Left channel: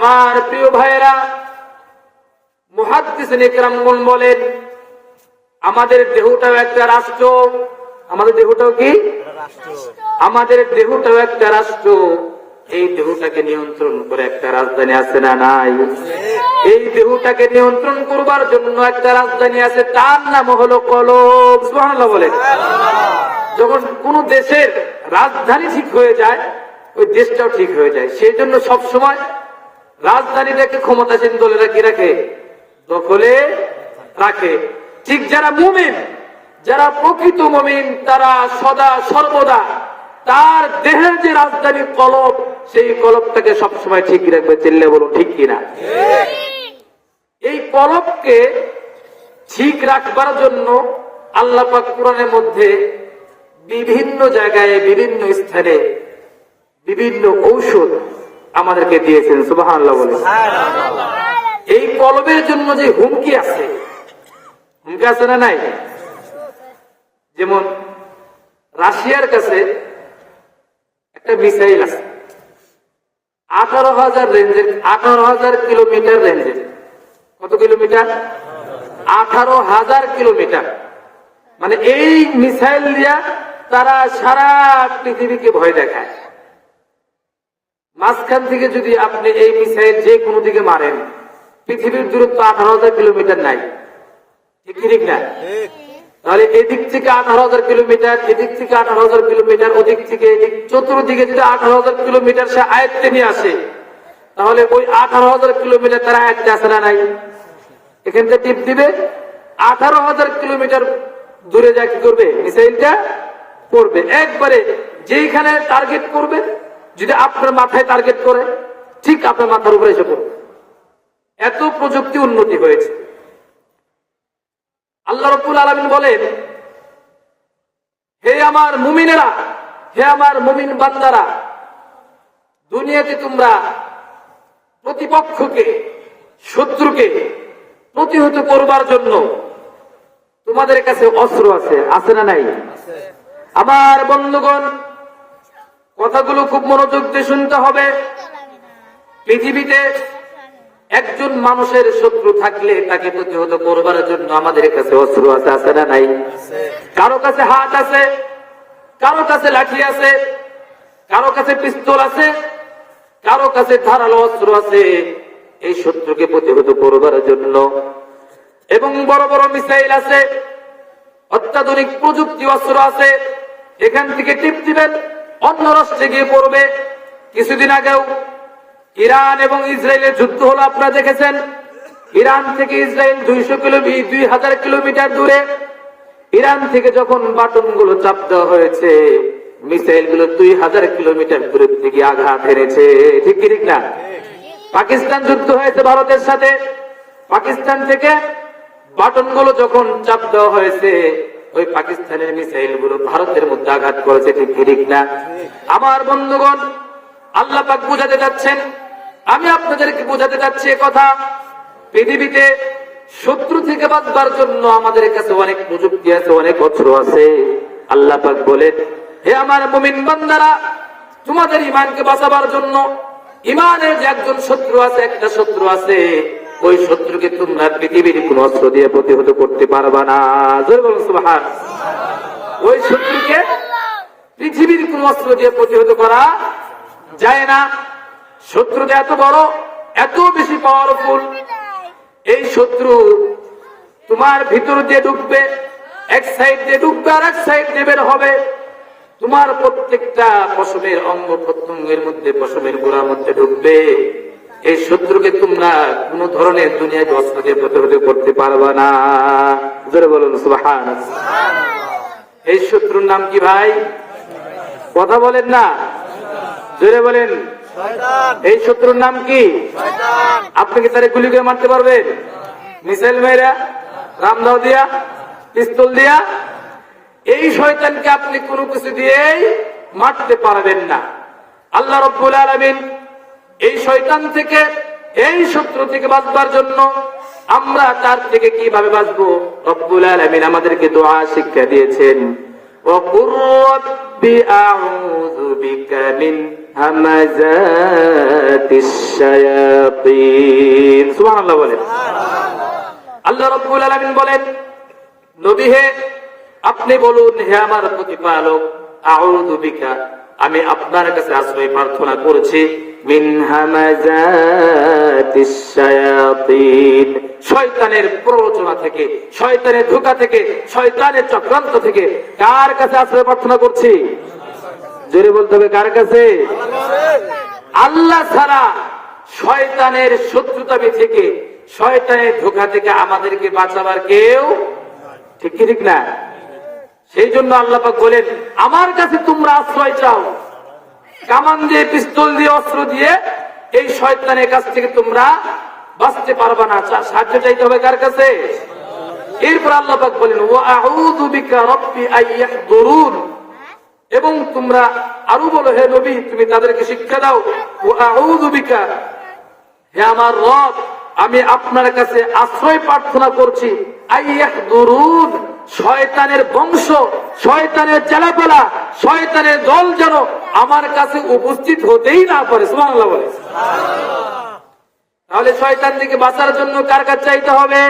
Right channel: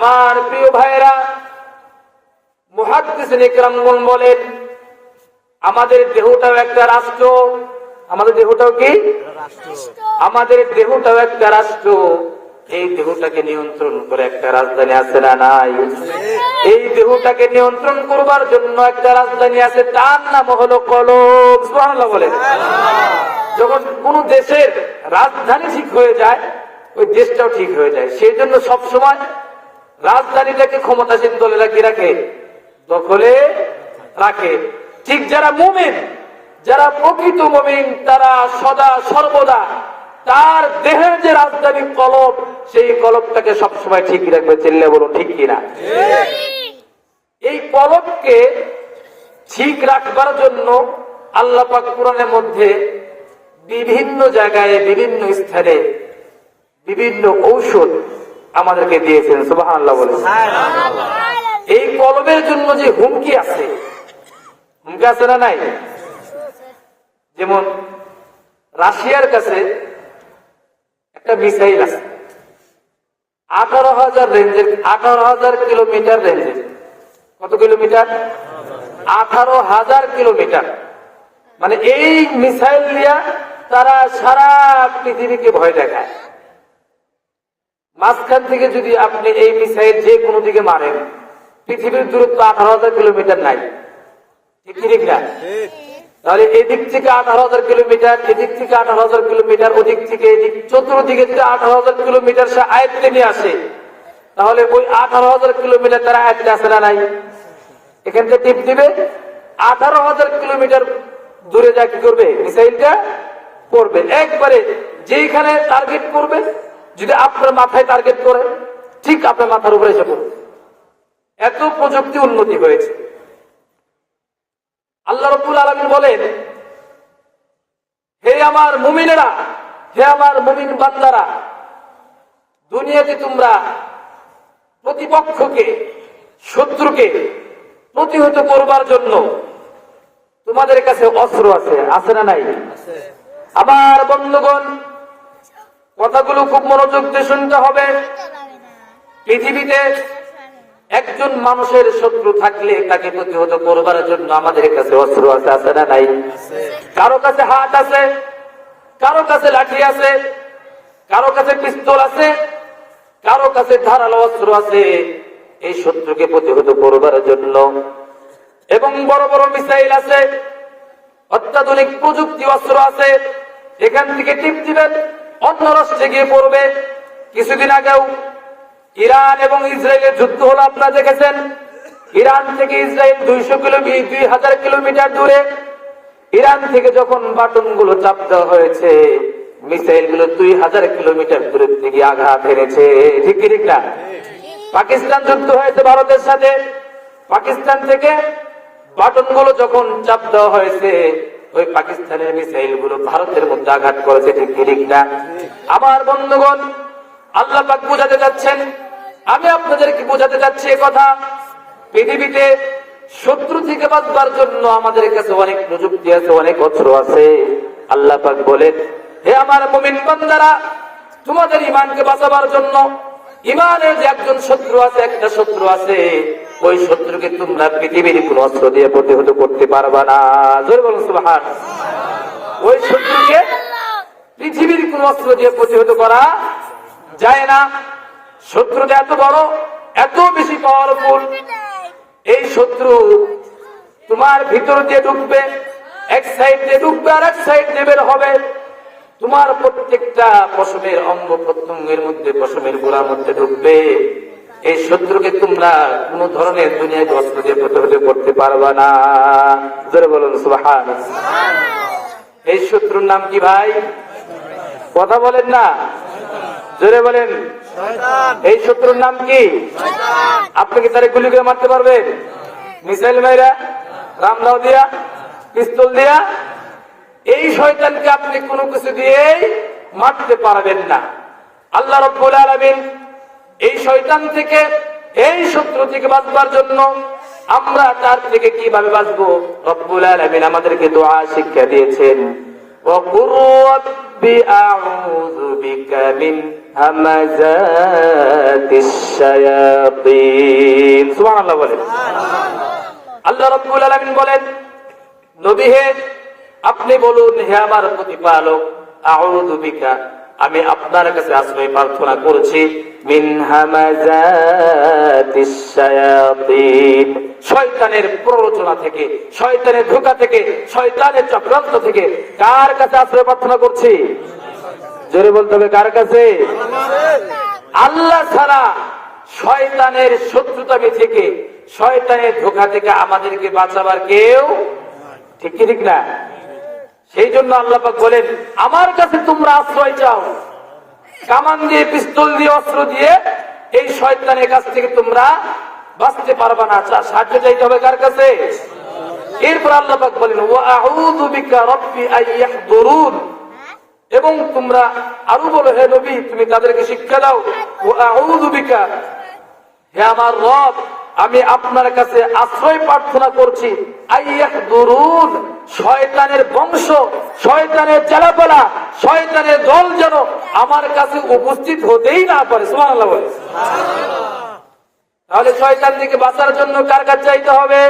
আমার প্রিয় ভাইয়েরা, মুহাদ্দিসিন ইকরামগণ বলেন আমাদের দেহটাও একটা রাষ্ট্র। আমাদের দেহটাও কি? আমাদের দেহটাও একটা রাষ্ট্র। এই দেহটাকে নিয়ন্ত্রণ করে একটা রাজধানী আছে না নাই? এই দেহটাকে নিয়ন্ত্রণ করবার জন্য একটা রাজধানী আছে, তার নাম হলো কলব। সুবহানাল্লাহ বলেন। যখন কোন দেশের রাজধানী ঠিক হয়ে যায়, ওই দেশটাও ঠিক হয়ে যায়। সেই জন্য সবসময় রাজধানীটাকে ক্ষমতাসীন দলেরা কি রাখে? দখলে রাখে। ঠিক যারা মুমিন, যারা প্রকৃত মুমিন, তারা সদা সর্বদা তার দেহের যে রাজধানী কলব, সেই কলবটাকে সবসময় ঠিক রাখবে। চিল্লে বলুন ঠিক কিনা? এই কলবকে ঠিক রাখবার জন্য আল্লাহ পাক কোরআনের মধ্যে বিভিন্ন জায়গায়, বিভিন্ন স্থানে বিভিন্ন ঔষধ আমাদেরকে দিয়েছেন। সুবহানাল্লাহ বলেন। এই কলবের জন্য যে হুমকি আছে, হুমকি আছে না নাই? যেমন রাশিয়ার কাছে একটা মিসাইল আছে 18,000 রেঞ্জের, 18,000 কিলোমিটার রেঞ্জের। কত কিলোমিটার? 18,000 কিলোমিটার। মানে এই মিসাইল দিয়া তারা সারা পৃথিবীকে ভয় দেখায়। মাঝখান থেকে যদি আপনি এই মিসাইল যে কোনো দিকে মারেন, পৃথিবীর দূরত্ব 18,000 কিলোমিটার নাই, ঠিক না? তাহলে এদিক থেকে 18,000 কিলোমিটার, এদিক থেকে 18,000 কিলোমিটার, ওদিক থেকে এদিক, চতুর্দিকে যদি 18,000 কিলোমিটার সে আয়ত্তে নিয়ে আসে, তাহলে ওই 18,000 কিলোমিটার তারা আয়ত্তে আসে না নাই? এখান থেকে টিপ দিবে, 18,000 কিলোমিটার দূরে যা কি করবে? মিসাইলটা করবে একবারে যেখানে টার্গেট করবে। যদি আপনার মাথায় টার্গেট করে, ঠিক আপনার মাথার উপরে এসে পড়বে। এত প্রযুক্তি উন্নতি হয়েছে। আল্লাহ রাব্বুল আলামিন বলেন, হে আমার মুমিনেরা, হে আমার মুমিন বান্দারা, দুনিয়াতে তোমরা প্রতিপক্ষকে, শত্রুকে প্রতিহত করবার জন্য তোমাদের কাছে অস্ত্র আছে, আছে না নাই? আমার বন্ধুগণ, কথাগুলো খুব মনোযোগ দিয়ে শুনতে হবে। পৃথিবীতে একজন মানুষের শত্রু থাকলে তাকে প্রতিহত করবার জন্য আমাদের কাছে অস্ত্র আছে, আছে না নাই? কারো কাছে হাত আছে, কারো কাছে লাঠি আছে, কারো কাছে পিস্তল আছে, কারো কাছে ধারালো অস্ত্র আছে এই শত্রুকে প্রতিহত করবার জন্য। এবং বড় বড় মিসাইল আছে, অত্যাধুনিক প্রযুক্তি অস্ত্র আছে। এখান থেকে টিপ দিবেন, অন্য রাষ্ট্রে গিয়ে পড়বে। কিছুদিন আগেও ইরান এবং ইসরায়েলের যুদ্ধ হলো, আপনারা দেখেছেন। ইরান থেকে ইসরায়েল 2,000 কিলোমিটার দূরে। ইরান থেকে যখন বাটন গুলো চাপ দেওয়া হয়েছে, মিসাইল গুলো 2,000 কিলোমিটার দূরে থেকে আঘাত এনেছে, ঠিক না? পাকিস্তান যুদ্ধ হয়েছে ভারতের সাথে, পাকিস্তান থেকে বাটন গুলো যখন চাপ দেওয়া হয়েছে, ওই পাকিস্তানের মিসাইল গুলো ভারতের মধ্যে আঘাত করেছে, ঠিক না? আমার বন্ধুগণ, আল্লাহ পাক বোঝাতে যাচ্ছেন, আমি আপনাদেরকে বোঝাতে যাচ্ছি কথা, পৃথিবীতে শত্রু থেকে বাঁচবার জন্য আমাদের কাছে অনেক প্রযুক্তি আছে, অনেক অস্ত্র আছে। আল্লাহ পাক বলেন, হে আমার মুমিন বান্দারা, তোমাদের ঈমানকে বাঁচাবার জন্য ঈমানের যে একজন শত্রু আছে, একটা শত্রু আছে, ওই শত্রুকে তোমরা পৃথিবীর কোন অস্ত্র দিয়ে প্রতিহত করতে পারবা না। জোরে বলুন সুবহান। ওই শত্রুকে পৃথিবীর কোন অস্ত্র দিয়ে প্রতিহত করা যায় না। শত্রুটা এত বড়, এত বেশি পাওয়ারফুল। এই শত্রু তোমার ভিতর দিয়ে ঢুকবে, এক সাইড দিয়ে ঢুকবে আর এক সাইড দিয়ে বের হবে। তোমার প্রত্যেকটা পশমের অঙ্গ প্রত্যঙ্গের মধ্যে, পশমের গোড়ার মধ্যে ঢুকবে। এই শত্রুকে তোমরা কোন ধরনের দুনিয়ায় অস্ত্র দিয়ে প্রতিহত করতে পারবা না। জোরে বলুন সুবহানাল্লাহ। এই শত্রুর নাম কি ভাই? কথা বলেন না, জোরে বলেন। এই শত্রুর নাম কি? আপনি কি তারে গুলি করে মারতে পারবেন? মিসাইল মেরা, রামদাও দিয়া, পিস্তল দিয়া? এই শয়তানকে আপনি কোনো কিছু দিয়েই মারতে পারবেন না। আল্লাহ রাব্বুল আলামিন এই শয়তান থেকে, এই শত্রু থেকে বাঁচবার জন্য আমরা তার থেকে কিভাবে বাঁচবো, রব্বুল আলামিন আমাদেরকে দোয়া শিক্ষা দিয়েছেন। রব্বি আউযু বিকা মিন হামাযাতিশ শায়াতিন। সুবহানাল্লাহ বলেন। আল্লাহ রাব্বুল আলামিন বলেন, নবী হে আপনি বলুন, হে আমার প্রতিপালক, আউযু বিকা আমি আপনার কাছে আশ্রয় প্রার্থনা করছি, মিন হামাযাতিশ শায়াতিন শয়তানের প্ররোচনা থেকে, শয়তানের ধোঁকা থেকে, শয়তানের চক্রান্ত থেকে। কার কাছে আশ্রয় প্রার্থনা করছি? জোরে বলতে হবে, কার কাছে? আল্লাহ ছাড়া শয়তানের শত্রুতামি থেকে, শয়তানের ধোঁকা থেকে আমাদেরকে বাঁচাবার কেউ ঠিক কি ঠিক না? সেই জন্য আল্লাহ পাক বলেন, আমার কাছে তোমরা আশ্রয় চাও। কামান দিয়ে, পিস্তল দিয়ে, অস্ত্র দিয়ে এই শয়তানের কাছ থেকে তোমরা বাঁচতে পারবে না। সাহায্য চাইতে হবে কার কাছে? এরপর আল্লাহ পাক বলেন, ওয়া আউযু বিকা রব্বি আইয়াহদুরুন এবং তোমরা আরো বলো, হে নবী তুমি তাদেরকে শিক্ষা দাও, ওয়া আউযু বিকা হে আমার রব আমি আপনার কাছে আশ্রয় প্রার্থনা করছি, আইয়াহদুরুন শয়তানের বংশ, শয়তানের চেলাপেলা, শয়তানের দল যেন আমার কাছে উপস্থিত হতেই না পারে। সুবহানাল্লাহ বলে। তাহলে শয়তান থেকে বাঁচার জন্য কার কাছে চাইতে হবে?